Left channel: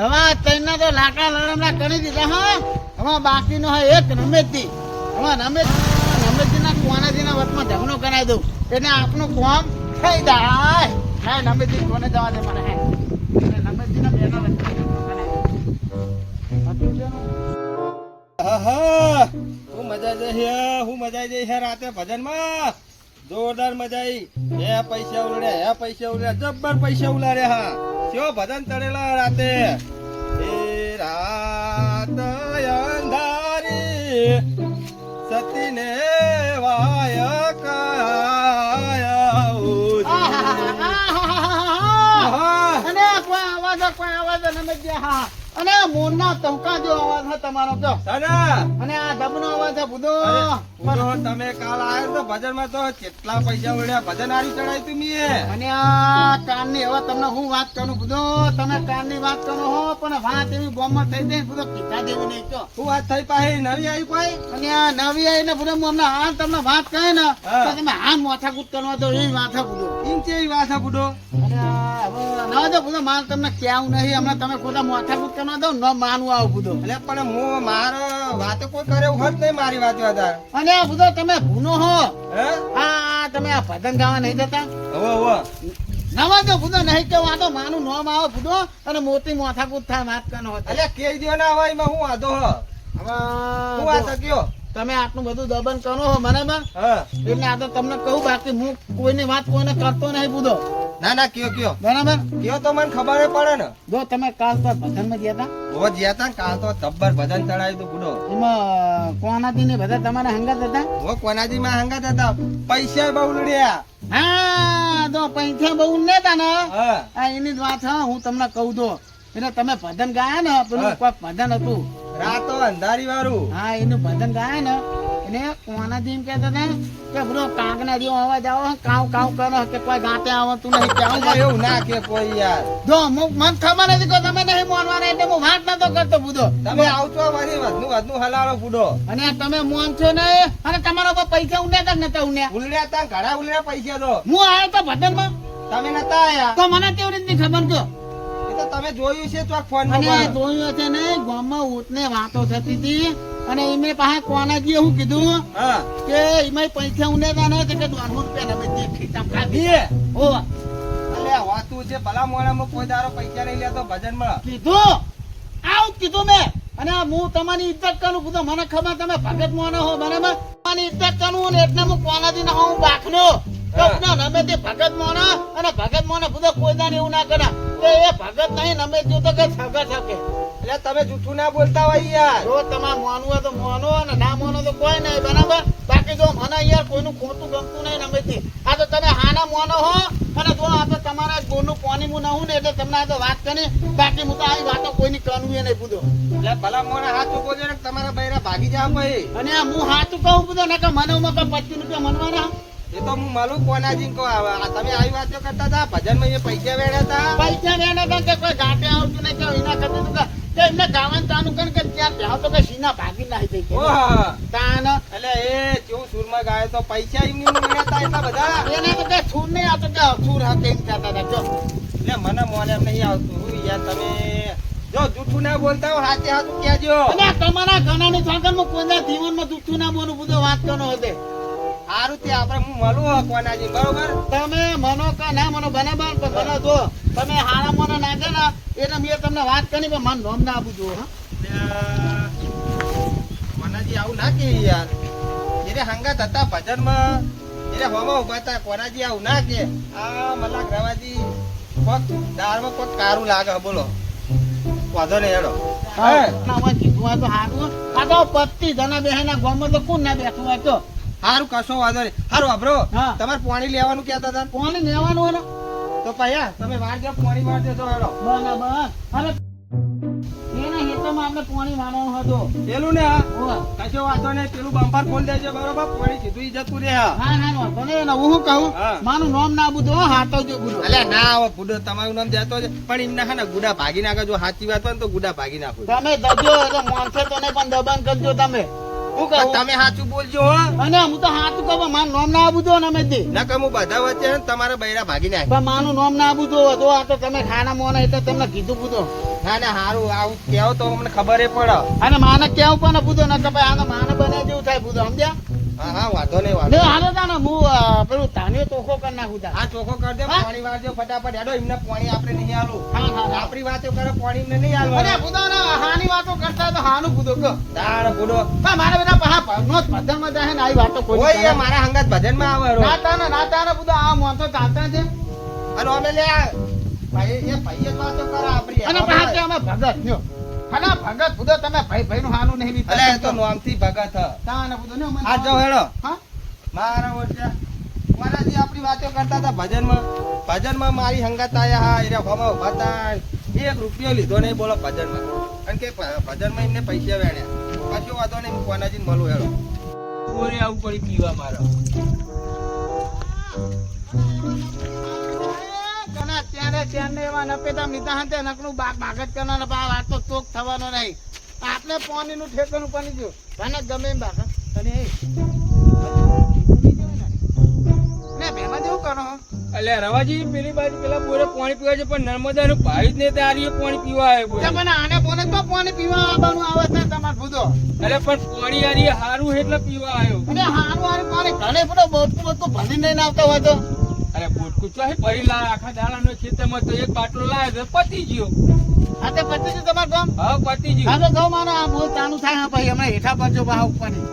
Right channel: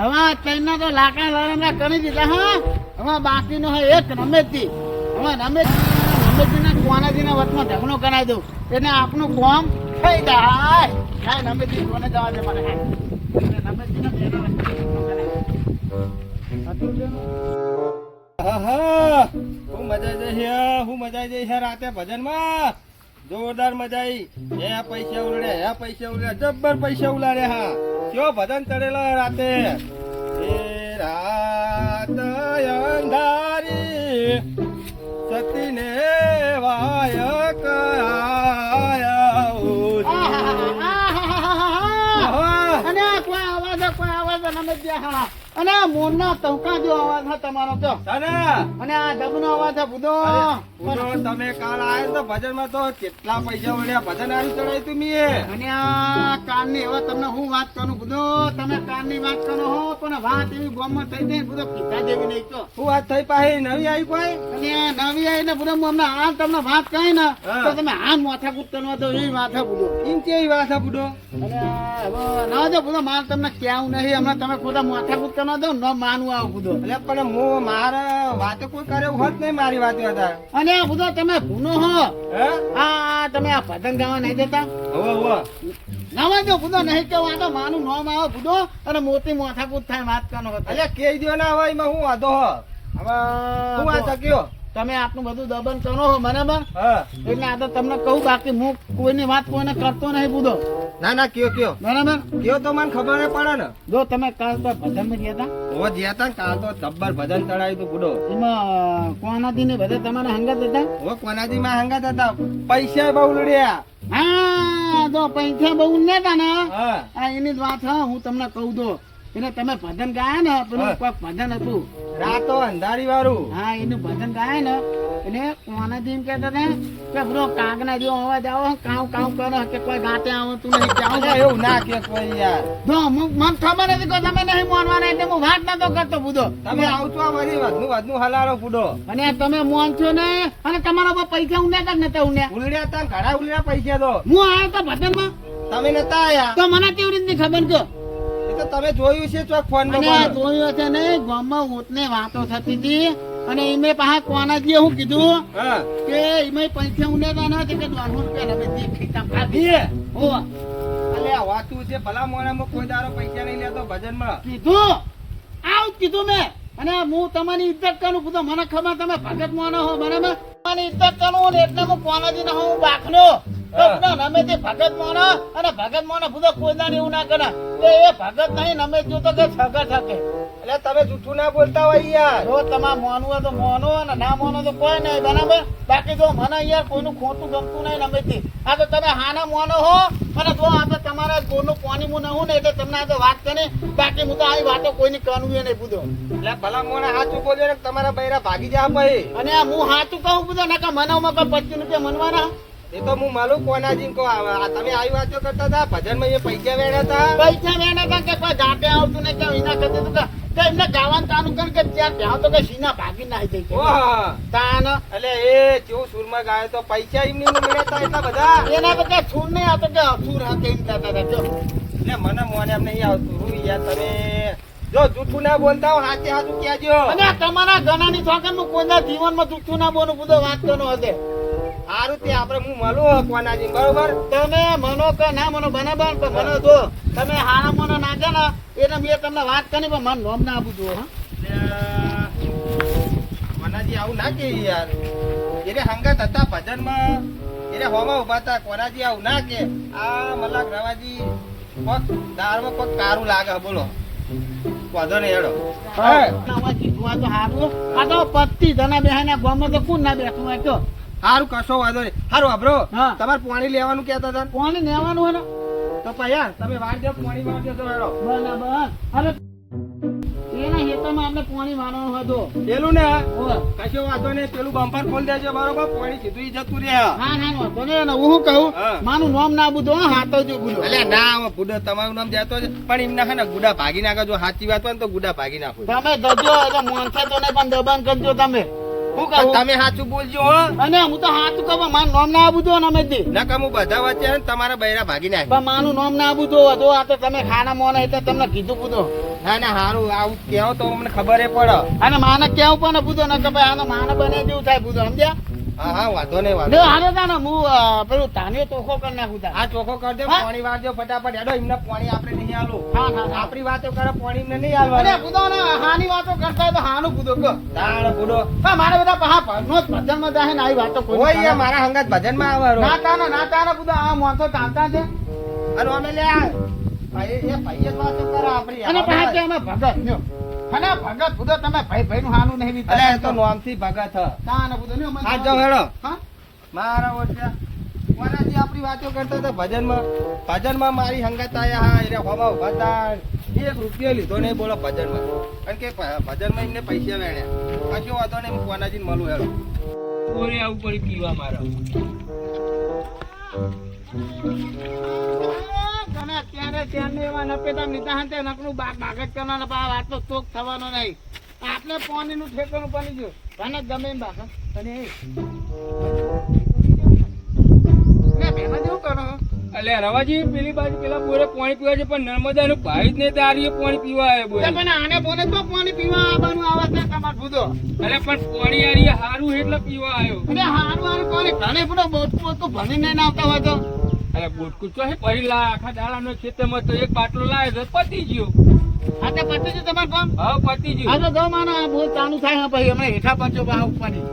હવે તૈના તો લાકડા લડેલા કરી દીધા હા. હવે બાકીનો હોય એક રમેશજી. હવે રમેશજીના કોનાજીના વટમાં ઢગલો કરાવી દઉં એટલે આપણું કોમ થઈ જાય. હા રમેશજી કોને જવા દે મને રમેશજીના બેનો હું મજા જઈ છે રાતે ભજનમાં જોરદાર મજા આવી. હે પૈસા ઉલાડ્યા જબ્બર પૈસા ઉલાડ્યા. હા કેવો ભજન ચડેલા રાતે. એ રાત અંધારી સતીને વાય કયા અને કોઈ આવાજ રમેશજી. હા અને મોરના ટહુકા જેવો અવાજ છે તમારો જો. અને આ ડબનો અવાજ છે બુધો. તમે કાલ આયા તો ભજન માં તો કેટલા પૈસા ઉડ્યા. ભજન હારી ચડાય તું મીએ. અને આ કાનની હવે તમને હું વાત કરું બુધો. તમે કાનની વાત કરો હો પણ વાત એવી ગોમમાં થઈ જાય બુધો કીધા જેવી નહીં તો. શું વાત થઈ પાછી નવી આવી કોઈ? અને આ નવી આવી ને બુધો અમને હાલ તમને વાત કહે ને તો તમે હાલ માથાકૂટ કરવા દો એવી વાત છે બુધો. એવી વાત છે બુડો. અને ના જો બુધો મારે તમને ક્યાં નહીં હમણાં તમે ખોટા માથાકૂટ કરવા દો ન માનવું આવું બુધો. એટલે પણ હું મારા વાતો કોઈ કરે હોત નહીં મારી વાત હતા. અને બુધો તમે ભૂનો હો. હે આ તમે આ ભજન ગાવા નહીં જતા હવે નવા જો બુધો નહીં કેવું. આ તો માનું નોમ આવે બુધો અને મોટી માથાકૂટ થાય વાત કરવાનો હતો. એટલે કે દો ને હવે એમાં હું વાંધો હ. હવે હું વાત શક્યો. તમે આટલું બધું દબન કરો હો બરાબર. હા એટલે આ તો તમને કહું બાકી હું કોઈની વાત કોઈને કરતો નહીં બુધો ના કયો બરાબર. કયો તો મને ખબર પડે ને. જો તમે કાલ તો ભજનમાં ગયા હતા હો જ્યાં તા કાલ તો જબ્બર ભજન ચડાવ્યું તું બુડો. એમાં કોનાથી ને બધા તમારા હંગાત હતા. હો કોનાજી માં હંગાત હતા. પૈસા બહુ ઉડ્યા. હા જો પૈસા બહુ નેતા ને હા આ એની જ વાત હા હું તમને કહું તો એટલે તમે ભજન ગાયા ને પેલું કોઈક ભજન હતું. રાતો અંધારી વાળું. હા એનું ભજન ગાય ને એટલે કોનાથી એમ કહેતા હતા કે બરો કાગના જેવો અવાજ આવે કાવ કાવ કરે કે કોઈ ગાતે આવતું નહીં કે આવું એવું ના કે કોઈ યાર. જો મને ખબર હતી કે તમે નહીં માનવાના એટલે હું વાત નતો કરતો બુધો. તમે આવતો મારી વધનું હલાડો બુડો. અને તમે મોનશો ને અને તમારા પર પૈસા ઉન્યા કે નતા ઉન્યા. ઉલડ્યા તા ઘણા ઉલડ્યા પૈસા તો. હું આવ્યો તો ભજનમાં તમે નતા આયા તો મને કેવી રીતની ખબર કયો. એ તો તમે જોયું છે ચોક ફોન અને માં. જોયું છે ને ગામમાં ઉતને વાતો થતી હતી અને એમે પાછા કોનાજીએ હું કીધું હા કે એમાં પૈસા ઉન્યા ને કે 200 રૂપિયા રમે તે ખીચા ખાધી. બે ઓ એટલે આ વાતું છે ભલા મોણામાં કોઈ દારો પૈસા નહીં લેતો ભજનમાં. કીધું આવું જ કીધું મેં. અને હું તમારી ઇજ્જત કરું કીધું મને ખબર તમે ભગત માનો હો બરાબર. તમારી ઇજ્જત કરું ને એટલે હું કોનાજી ના હું બાખનો નમે તે ભગત માનો અને ભગત માનો બધો કોઈ દાન એવું ના કરે એ ભગત નહીં નમે જો તો કે છગે છગે. એટલે તમે જૂઠું ના બોલતા હોય યાર. જો તમારે માનવું હોય તો માનો અને ના માનો તો કોઈ નહીં બરાબર. બાકી જો મને યાર કોઈનું ખોટું ગમતું નહીં નમેથી. આ તો તમે હાના માનો હો અને જો આપણે તમારા ગોળનું પાણી હું નહું ને એટલે તમને આ તો વાત કરી બાકી હું તો આવી વાતો કોઈની કરવું નહીં પૂછો. એટલે ભલા મોણા હાથું બોલ્યો ને તમારા બૈરા ભાગી જા ભાઈ. અને હું હાથું કહું પૂછો ને કે મનાવમાં કોઈ 25 રૂપિયા મનવાના. એ તો હું માલું કોનાજી કહો. તમે આવી વાતો કરતા હતા ભજનમાં એ પૈસા વેડા હતા. પૈસા મેં હતા કે કોઈ ઘાટે આવતું નહીં કે એના કરતા તું કે એમને ગાવાનું ચાલુ કરી કે ત્યાં ત્યાં તો કે સીના ભાગી નાખી દઈ ઓહ તાન એટલે એ કેવું સુરમાં ગાયો તો પૈસા એમની મેળવતા એટલા બધા. એના તો કે સુર નહીં આવતો કે અસુર હતા એમ કહેતા હતા. જો એટલે મને મોને એમ નહીં આવતું. હું યાર તમે જો જૂઠું ના બોલતા હો હાથે હાથું કહેજો. અને તમારા ગણાની થોકનમાં કોઈના જીવનમાં જુઠ્ઠું ના બોલું બધો વાત કરનો હશે. સારું તે આપણે હું મળું કોનાજી બરોબર. તમે મનો કે ના મનો બરાબર તો મને જો તમે હારા મને નાખે ને એટલે મેં તમને વાત કરી પણ મને નોમ ના આપું જો. કોનાજી આવું ના કે યાર. એટલે હંગાત હતા ભજનમાં એટલે હોમાં ઉભા હતા. કોનાજી આવું ના કે આ મલાક રવાજી કોક દારમાં કોક કારું લાગે બોલો. વાંધો નહીં હેડો. કીધું તો હારું આ તો 25 જણા બેહાના ગામમાં તો કોણ ના બેઠું હોય તો સારું કશો વાંધો નહીં. સારું વાપરો હા. તમારે પાણી લેવાનું કહેતા હતા. પાણી લેવાનું હોય ને તો પૈયા તમે વાર જાવ પાણી વાર દેજો હેડો. બરાબર. હવે એના હેતામાં આપણે પાણી મારવાનું હતું. પેલું ને ઓહ. કશો વાંધો નહીં. પેલું બમ્પર ખોલી દેજો બરોબર. પાણી કીધું ઈ જતું રહે. હા હા વાંધો નહીં. અને હું શું કહું હા. મારું નામ ના બધું હા હાથો જો બધું અલ્યા ના હવે બુડો તમારું નામ જતો છે પણ એમ ના ગુડા ભાગી નાખો. જો સાચી વાત હોય ને તો ગુડા ભાગી નાખો. તમે દજો એટલે મોનસે તો નહીં પણ દબાણ કરજો તમે હું કહું તમે સાચું બોલજો હો. અને હું તો હાથ કહું મારું નામ ના આપું તો અમે દે નકર હું બધા વચ્ચે હે ને તમારા બૈરા ભાગી નાખે. પણ માનું નામ ના આપું તો હતો આ તો તમે ખાના મોના એટલે તમને કીધું પૂછો ના ના હારું આવું કેવો તો અમને ખબર પડે. અને માને કેવું પણ પૂછો ને કે ભાઈ આને માને બને જેવું થાય પૂછો સમજ્યા હા હા વાંધો નહીં ને વાંધો. હાલે તા ને હું પેલું તાનીઓ ચોખ્ખો કરી નાખું તા આ ચોખ્ખો કરી દે હા? પાણી વાળજો ફટાફટ હેડો એમને પાણી આપણે નહીં આલું. હા હા હા આપણી વાતો કરે પાણી એમને નહીં અરે આલવાનું. પૂછો ને હાની વાતો કરતા હોય તો હાનું પૂછો કહો તાણ બુડો હા મારા બધા પહા ભજનો જ ભજનમાં જાય ને આવી વાતો કોઈ ઓય કરે. એ મારા હંગાત ભજનમાં આવે ના તાને પૂછો આ મોનતો ચાલતા છે અને અમે લે ભાઈ એ ભાઈ જ વાતો કરે આપણી. અને પહા કે અમે ભગત લ્યો અને ભગત પૂછો તમે ભાઈ ભાઈ નું હાનું નહીં અલે એ તો વિચારતા નોમથી ભગત હ. તાને પૂછો ને મને આ જાઓ હેડો હા મારા ઓળખ્યા કોનાથી આપણી વાતો કરતા હતા ભજનમાં મારી હંગાત આયા હા એટલે હવા ઉભા તા. એક રૂપિયો લીધો નહીં બોલો ભજનમાં કારણ કે ભજનમાં એમને પૈસા વેણ્યા કશો વાંધો નહીં હું કોનાથી મળું હેડો. ઓરે આવું પડી પીવા મારા ત્યારે એવા નપેતા લીધા હતા નકનું બાગત કરવાના પણ આ વાત તો ચોક થવાનો નહીં આપણે પાણીનું ઠેકાણું બની ગયું તને ગમે એમ બાકા અને ભેમાં જેવું કરો અલે રવાજી પેલી બાજુ પેલા બોરે પાણી પીવા છે પણ નર્મદાનું ભાઈ જ ને તારી પાણી પીવા આવે બોરે. મને આને બોને તો પાણી પીવા આવવાનું આવે છે તમાર ભૂતો અરે પણ પાણી આરી હારું એટલે પીવા આવ્યો. અને હારું હારું પાણી ઘણે બધો બોટકું તો ભણી નહીં આવતા હોય તો અરે બોટકું તો ભરી લાય આખા દાડાનો ખેતરમાં તો એક બાટલો લાવ્યો તો પતી ગયો. હા તો પછી શું તમારે કામ હા પતી ગયો. હા તો કહો માનો આ બોલ ચાલુ થાય હા પછી હમણાં હેઠા પડજો બહાર ઉપરની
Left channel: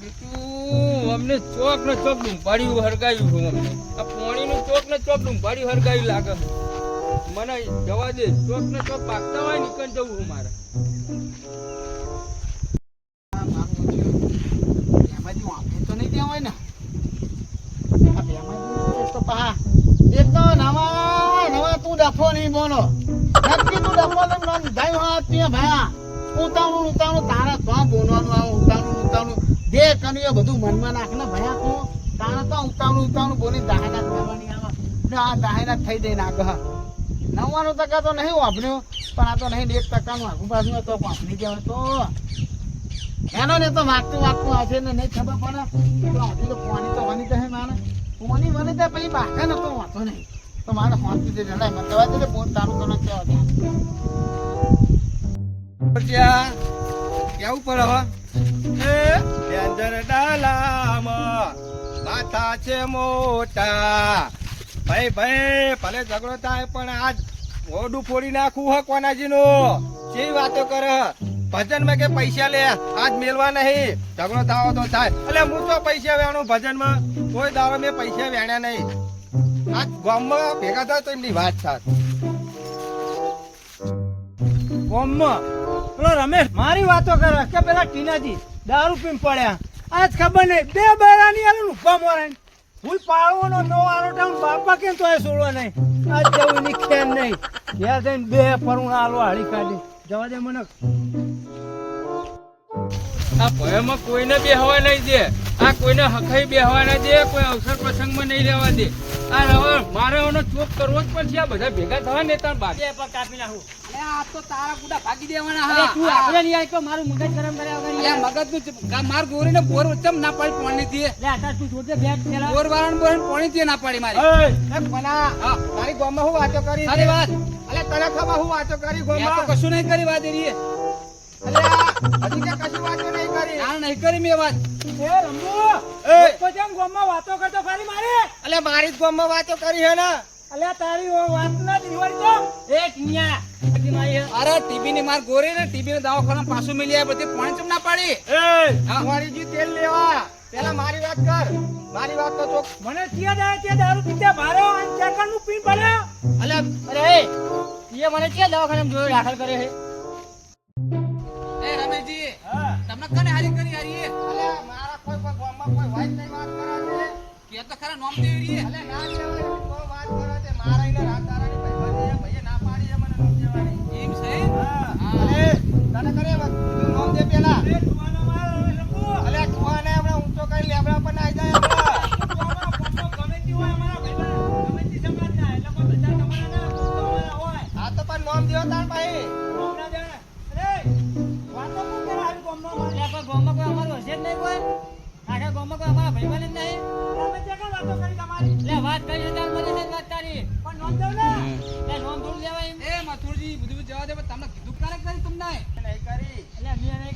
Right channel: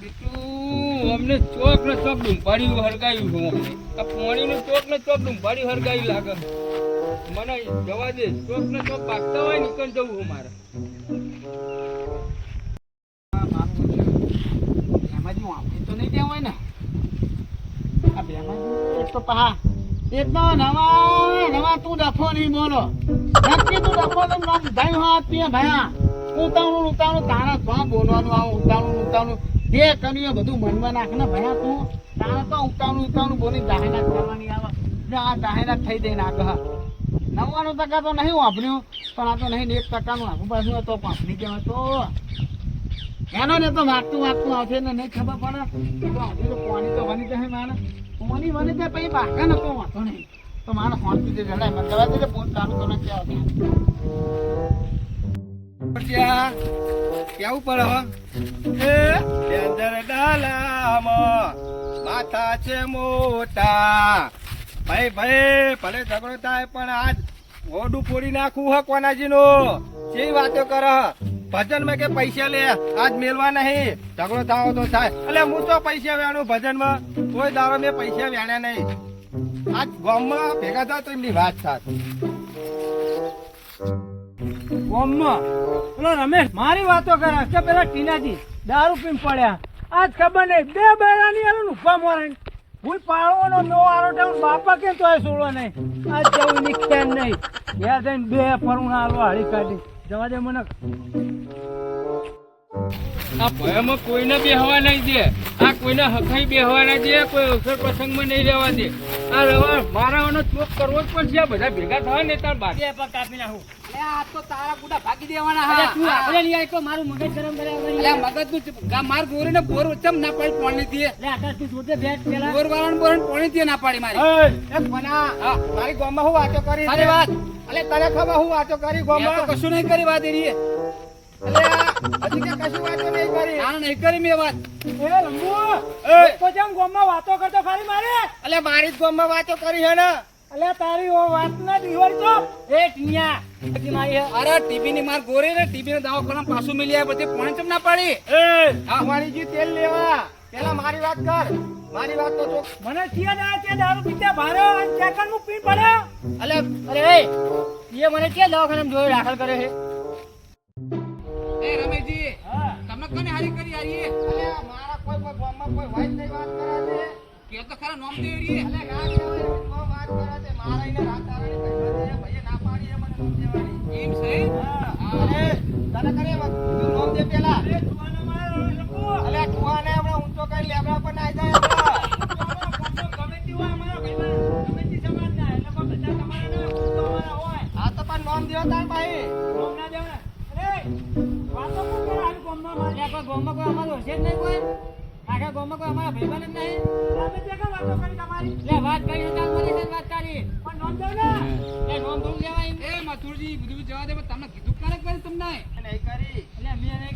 બીજું અમને ચોક ને ચોક ડુંભાડી હરગાયું છે અમને. આ પાણી નું ચોક ને ચોક ડુંભાડી હરગાયું લાગે મને. જવા દે ચોક ને ચોક પાકતા હોય નીકળ જવું હું મારે. એમાં જો આપણે તો નહીં ત્યાં હોય ને આ બેમાં એક તો પહા એક તો નવા તું ડફો નહીં બોલો નક્કી તું ડફો તો નામ જાય હા ત્યાં ભયા ઉતાવળું તારા તો બોલવાનું આવું ઉતાવળું જે કર્યું એ બધું મનમાં નાખ ને ભયા તું તારા તો ઉતાવળું બોલી દાહેના કરવાની આવે આ દાહેના થઈ દે નાખ 99% તો નહીં વાપર્યો પણ આ તો નહીં 1% આગુ પાછું તો વાપરી જવાય તો એનો ને તો વાગતું આવશે ને નહીં ખબર પડે તો હજી તો પાણી તો વની જશે મારે પાણી વને તો પછી બાકા નતો વાંધો નહીં તો મારે શાંતિથી જડાય મને દવા દે પોત તારું તમે કેવા ત્યાં કેવું પડે હો એ ડેન્જર ડાલામાં માથા છે મોટા ભાઈ ભલે ઝઘડો થાય પણ આજ મોઢું ફોડી નાખવું હે કોનાજીનું કેવી વાતો કરે ભજનમાં કે પૈસા લે આજ મેલવા નહીં ઝઘડો થાવો તો થાય એટલે હું તો પૈસા વેણું ભજનમાં કોઈ દાડો મેં પૈસા વેણ્યા નહીં આજ ગામમાં ભેગા થાય તો એમની વાત થાય ગામમાં પેલો રમેશ મારી વાતો કરે કે પેલા ટીનાજી દારૂ પીને પડ્યા આજ ખબર નહીં 2 બૈરાની આલું ઉભા મોરે હું પાડવાનો નો આરો ટેમ બાપા કેમ તો છોડવા નહીં આજ જેવું નીકળે નહીં ઘેર જઈને 2 ફરુણા આલો હાળી કાઢી જવા દે મને આ ભયમાં કોઈને બેહવા નહીં દે. આ કોઈને હખાઈ બેહવા ના દે. કોઈ અવસર પ્રસંગમાં નહીં રહેવા દે. આ વ્યવહાર મારાનો ચોક કરવો જ પડશે. આ બધા ભેગા થવા ને તાર બાદ કાપી નાખું આ તો તારા ગુડા ભાગી દેવાના. અરે તું આપણે નહીં આવી તો મારું મગજ ગરમ કર્યા વગર મગજ નું માર ગોરી ને બોર વચ્ચે ના પાડી પાણી દે. લે આકાશ તું જોજે બેટ પેલા બોર વાળાને બોર પાણી દે ના પાડી મારી. એમ બના મારી ગામમાં હું વાતો કરી સારી વાત. અલે તને ખબર હું વાતો કરી મેં તો ગામમાં કશું નહીં કરી વાત એરી. હજી કે કશું વાતો નહીં કરી આ નહીં કરી મેં વાત. એ રંબુ એ તો જેમ ગામમાં વાતો કરતો ખાલી મારે અલે મારી જ ગામમાં વાતો કરી હે ને અલે તારી ઓ વાત ના દિવાળી તો એ ટીનિયા બાકી મારી હે. અરે ટીબી ની માર ગોરી ને ટીબી નો દવાખાના પાછું મિલી આવે બધી પાણી ચમ ના પાડી. હા વાણીજી તેલ લેવા પેલા મારી વાત કર મારી વાત તો ચોક મને ત્યાં દારૂ પીતા ભારો અને ચેકન નું પી પડ્યો અલે અરે એ મને ક્યાં દવાખાનામાં જોઈ દાખલ કરે છે એ રમેશજી હા તમને કને હારી કરી હારી અલે મારા કોઈ ગામમાં કોઈ વાત નહીં વાત કરાવે કે તો ખરા નોમ દે રી. અલે ના કહેવાય કોઈ વાત કરાવે મારા એને રાત તારાની પૈસા દે ભાઈએ ના પાડી હે મને નોમ દેવાની એમ છે. અલે તને કરે તું નોમ દે પેલા એ તુવાનો માર રંબુ અલે તુઆને હમણાં ઊંચો કરી લેબડા પર નાઈ જાય ગમે તે હોય અમારા ભાઈબંધ ગમે તે સમાજના એટલે કોઈ બધા તમારા ના હોય આ તો પણ નોમ દેવો તાર ભાઈ કોમ ના જાણે અરે વાતો કોણ કરે હારી કોમ ગામમાં મારે. એટલે કોઈ ગામમાં કોઈ અમારું હશે જ નહીં કોઈ આખા ગામમાં કોઈ અમારા ભાઈબંધ જ નહીં તમે જે કાંઈ વાતો કરી તમારી એટલે વાત કરી તો મને જ વાત તારી પણ નોંધ દઉં ને એટલે નોમ થોડું લેવાય એમ. એ મથુરજી બધું જવા દે પણ તમને કીધું કાલે કરી તમને નહીં કરી એટલે મેં નહીં